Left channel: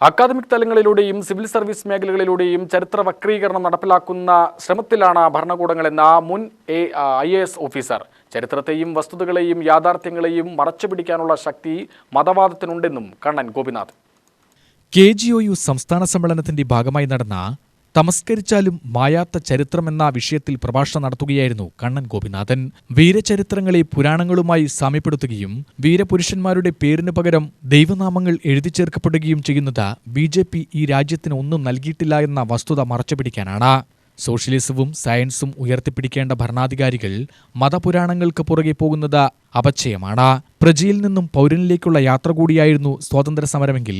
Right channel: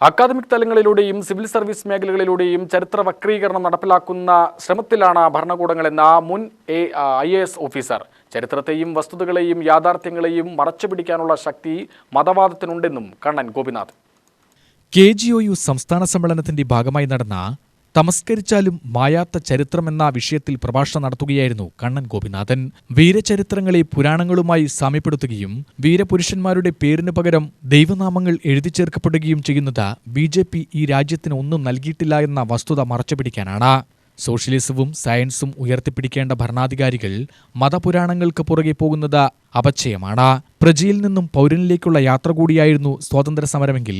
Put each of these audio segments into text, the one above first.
Academic തലങ്ങളിലൂടെയും civil service മേഖലകളിലൂടെയും ചരിത്ര വക്രീകരണം നടപ്പിലാക്കുന്ന ശ്രമത്തിലാണ് ഭരണകൂടങ്ങളെന്ന മുൻ IAS ഓഫീസർ. ചരിത്രത്തെയും വസ്തുതകളെയും യാഥാർത്ഥ്യങ്ങളെയും മറച്ചുപിടിക്കാനുള്ള ശക്തി മതവാദത്തിനുണ്ടെന്നും കണ്ണൻ ഗോപിനാഥ്. KGOU സംസ്ഥാന സമ്മേളനത്തിന്റെ ഭാഗമായി നടന്ന തമസ്കരിച്ചാലും മായാത്ത ചരിത്രമെന്ന വിഷയത്തിൽ പ്രഭാഷണം നടത്തുകയായിരുന്നു കണ്ണൻ ഗോപിനാഥൻ. വീരചരിത്രങ്ങളെ പുരാണങ്ങളുമായി സാമ്യപ്പെടുത്തുകയും വീരപുരുഷന്മാരുടെ പേരിനു പകരം ദൈവനാമങ്ങൾ എഴുതിച്ചേർക്കപ്പെടുകയും ചെയ്യുന്നത് BJP ഈ രാജ്യത്തിന് ഒന്നും നൽകിയിട്ടില്ല എന്ന വസ്തുത മറച്ചുപിടിക്കാനാണ്. സോഷ്യലിസവും സയൻസും ഉയർത്തിപ്പിടിക്കേണ്ട ഭരണാധികാരികൾ മതപുരാണങ്ങൾക്ക് പുറകെ പോകുന്നത് അപചയമാണ്. പ്രജയിൽ നിന്നും പൗരനിലേക്കുള്ള യാത്ര കൂടിയായിരുന്നു സ്വാതന്ത്ര്യ സമരമെങ്കിൽ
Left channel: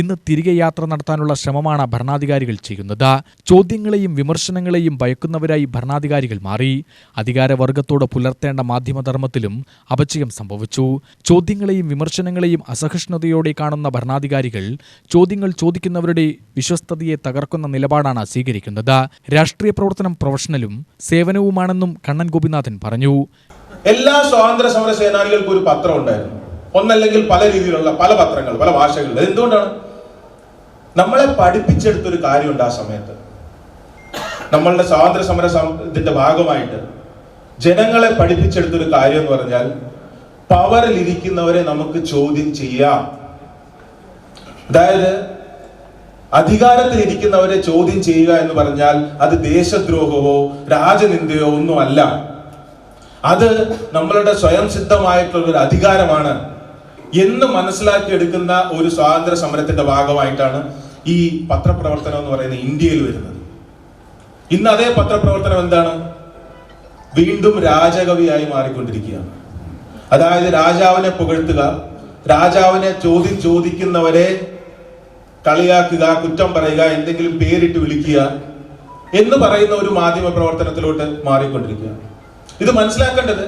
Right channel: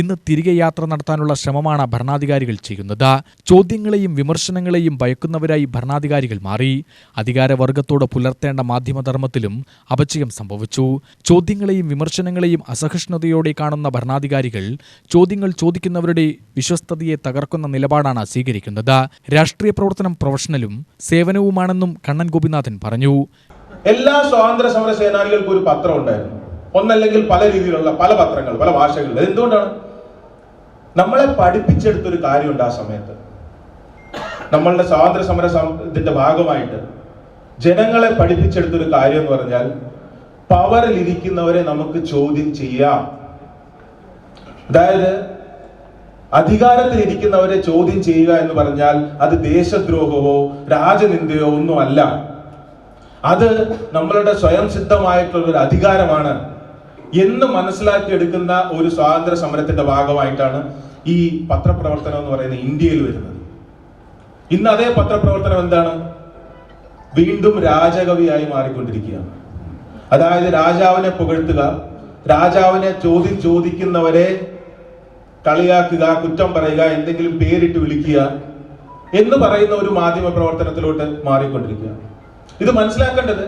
ഇന്ന് തിരികെ യാത്ര നടത്താനുള്ള ശ്രമമാണ് ഭരണാധികാരികൾ ചെയ്യുന്നത്. ചോദ്യങ്ങളെയും വിമർശനങ്ങളെയും ഭയക്കുന്നവരായി ഭരണാധികാരികൾ മാറി. അധികാരവർഗത്തോട് പുലർത്തേണ്ട മാധ്യമധർമ്മത്തിലും അപചയം സംഭവിച്ചു. ചോദ്യങ്ങളെയും വിമർശനങ്ങളെയും അസഹിഷ്ണുതയോടെ കാണുന്ന ഭരണാധികാരികൾ ചോദ്യങ്ങൾ ചോദിക്കുന്നവരുടെ വിശ്വസ്തതയെ തകർക്കുന്ന നിലപാടാണ് സ്വീകരിക്കുന്നത്. രാഷ്ട്രീയ പ്രവർത്തനം പ്രൊഫഷണലും സേവനവുമാണെന്നും കണ്ണൻ ഗോപിനാഥൻ പറഞ്ഞു. എല്ലാ സ്വാതന്ത്ര്യ സമര സേനാനികൾക്കും ഒരു പത്രം ഉണ്ടായിരുന്നു, ഒന്നല്ലെങ്കിൽ പല രീതിയിലുള്ള പല പത്രങ്ങൾ, പല ഭാഷകളിൽ. എന്തുകൊണ്ടാണ്? നമ്മളെ പഠിപ്പിച്ചെടുത്തൊരു കാര്യമുണ്ട്. ആ സമയത്ത് നമ്മളുടെ സ്വാതന്ത്ര്യ സമരത്തിന്റെ ഭാഗമായിട്ട് ജനങ്ങളെ പഠിപ്പിച്ചെടുത്തൊരു കാര്യം എന്ന് പറഞ്ഞാൽ പവറിൽ ഇരിക്കുന്നവരെ നമുക്ക് ചോദ്യം ചെയ്യാം. അതായത് അധികാരത്തിൽ ഇരിക്കുന്നവരെ ചോദ്യം ചെയ്യുക എന്ന് പറഞ്ഞാൽ അത് ദേശദ്രോഹമോ രാജനിന്ദയോ ഒന്നുമല്ല. അത് നമ്മളുടെ സ്വയം സിദ്ധമായിട്ടുള്ള ഒരു അധികാരമാണ് എന്ന് മനസ്സിലാക്കിയെടുക്കുന്ന ഒരു സ്വാതന്ത്ര്യ സമരത്തിന്റെ ഭാഗമായിട്ടാണ് ഈ പത്രപ്രവർത്തനം എന്ന് പറയുന്നത് ഇന്ത്യയിൽ വരുന്നത്. ഇന്ന് അതേ പത്രപ്രവർത്തനം എന്താണ്? വീണ്ടും രാജകവിയായി മാറിക്കൊണ്ടിരിക്കുകയാണ്. അതായത് രാജാവിനെ പുകഴ്ത്തുക, രാജാവിനെ ചോദിക്കുന്നവരെ കളിയാക്കുക, കുറ്റം പറയുക, എന്തെങ്കിലും പേരിട്ട് വിളിക്കുക എന്ന് പറയുന്ന ഒരു മാധ്യമ പ്രവർത്തനത്തിലോട്ട് മാറിക്കൊണ്ടിരിക്കുക. ഇത് മനസ്സിലാക്കേണ്ടത്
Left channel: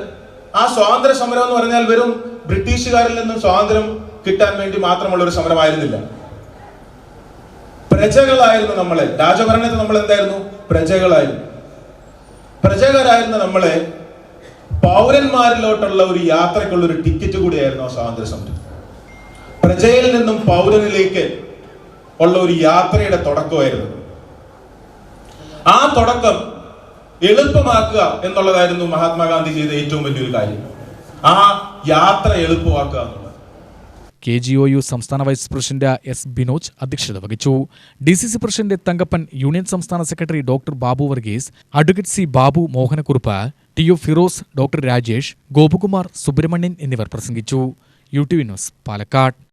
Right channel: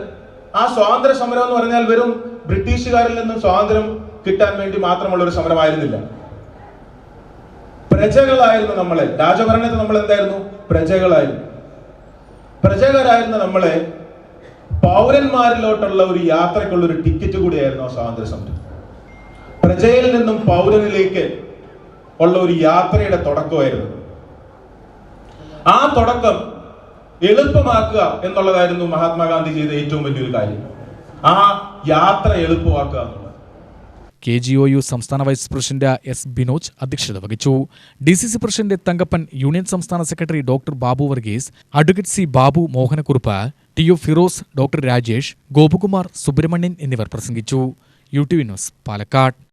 ആ സ്വാതന്ത്ര്യ സമരം എന്ന് പറഞ്ഞാൽ വെറും ബ്രിട്ടീഷുകാരിൽ നിന്നും സ്വാതന്ത്ര്യം കിട്ടാൻ വേണ്ടി മാത്രമുള്ള ഒരു സമരമായിരുന്നില്ല. പ്രജകളായിരുന്നു നമ്മളെ. രാജഭരണത്തിൽ നമ്മൾ എന്തായിരുന്നു? പ്രജകളായിരുന്നു. പ്രജകളായിരുന്ന നമ്മളെ പൗരന്മാരിലോട്ടുള്ള ഒരു യാത്രക്കുള്ള ഒരു ടിക്കറ്റ് കൂടിയായിരുന്നു ആ സ്വാതന്ത്ര്യ സമരം. പ്രജയിൽ നിന്നും പൗരനിലേക്ക് ഉള്ള ഒരു യാത്രയുടെ തുടക്കമായിരുന്നു. ആ തുടക്കം എളുപ്പമാക്കുക എന്നുള്ളതായിരുന്നു മഹാത്മാഗാന്ധി ചെയ്ത ഏറ്റവും വലിയൊരു കാര്യം. ആ യാത്ര എളുപ്പമാക്കുക എന്നുള്ളത്. KGOU സംസ്ഥാന വൈസ് പ്രസിഡന്റ് S. ബിനോജ് അധ്യക്ഷത വഹിച്ചു. DCC പ്രസിഡന്റ് തങ്കപ്പൻ, യൂണിയൻ സംസ്ഥാന secretary doctor Babu Varghese, advocate C. Babu Mohanakurup, TO Firoz, doctor Rajesh, Gopakumar, Subrahmanian എന്നിവർ പ്രസംഗിച്ചു. UTV news, Palakkad.